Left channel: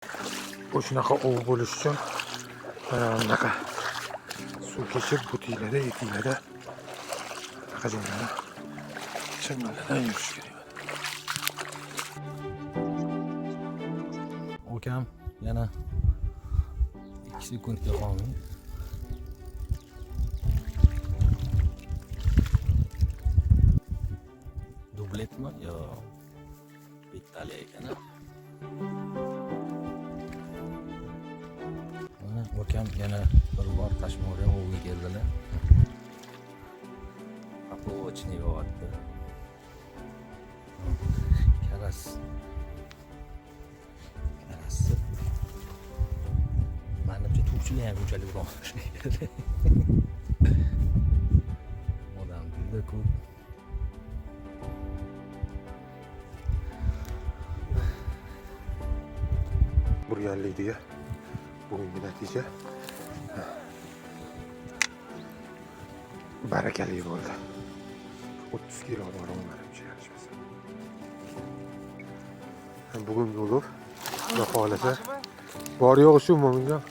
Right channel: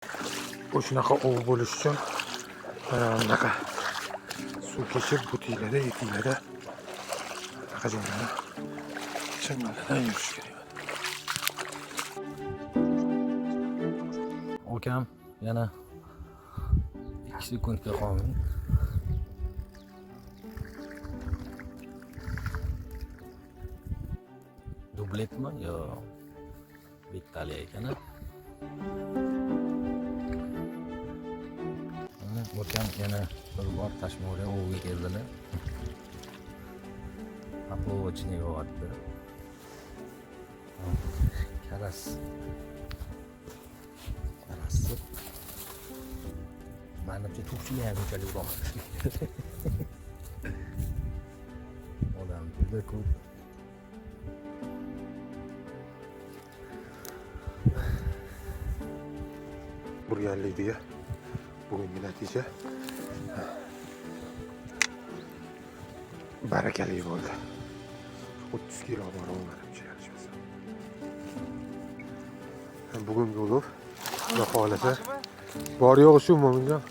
Shunaqa ov bo'lish uchun bunaqa suv kechib butiklarda, etiklarda bunaqa joylarda changaladan yurish kerak. Ukam yana 2 sekundga qolmay dubletmi yo bittali ekan. Ukam yana bir bor Tashmo'ga ovga keldilar. Popovchni yo'qotdi. Karas. Manimcha to'pchiga ham unchalik uloqtirmaydi. Odam juda ko'p. Burganlikdiga bugungi natija barakali bo'ldi. 30 kilo bor olmadim yarashmasa. Bugungi ulug' Xudo xolasa bor yo'q shu mo'minjon.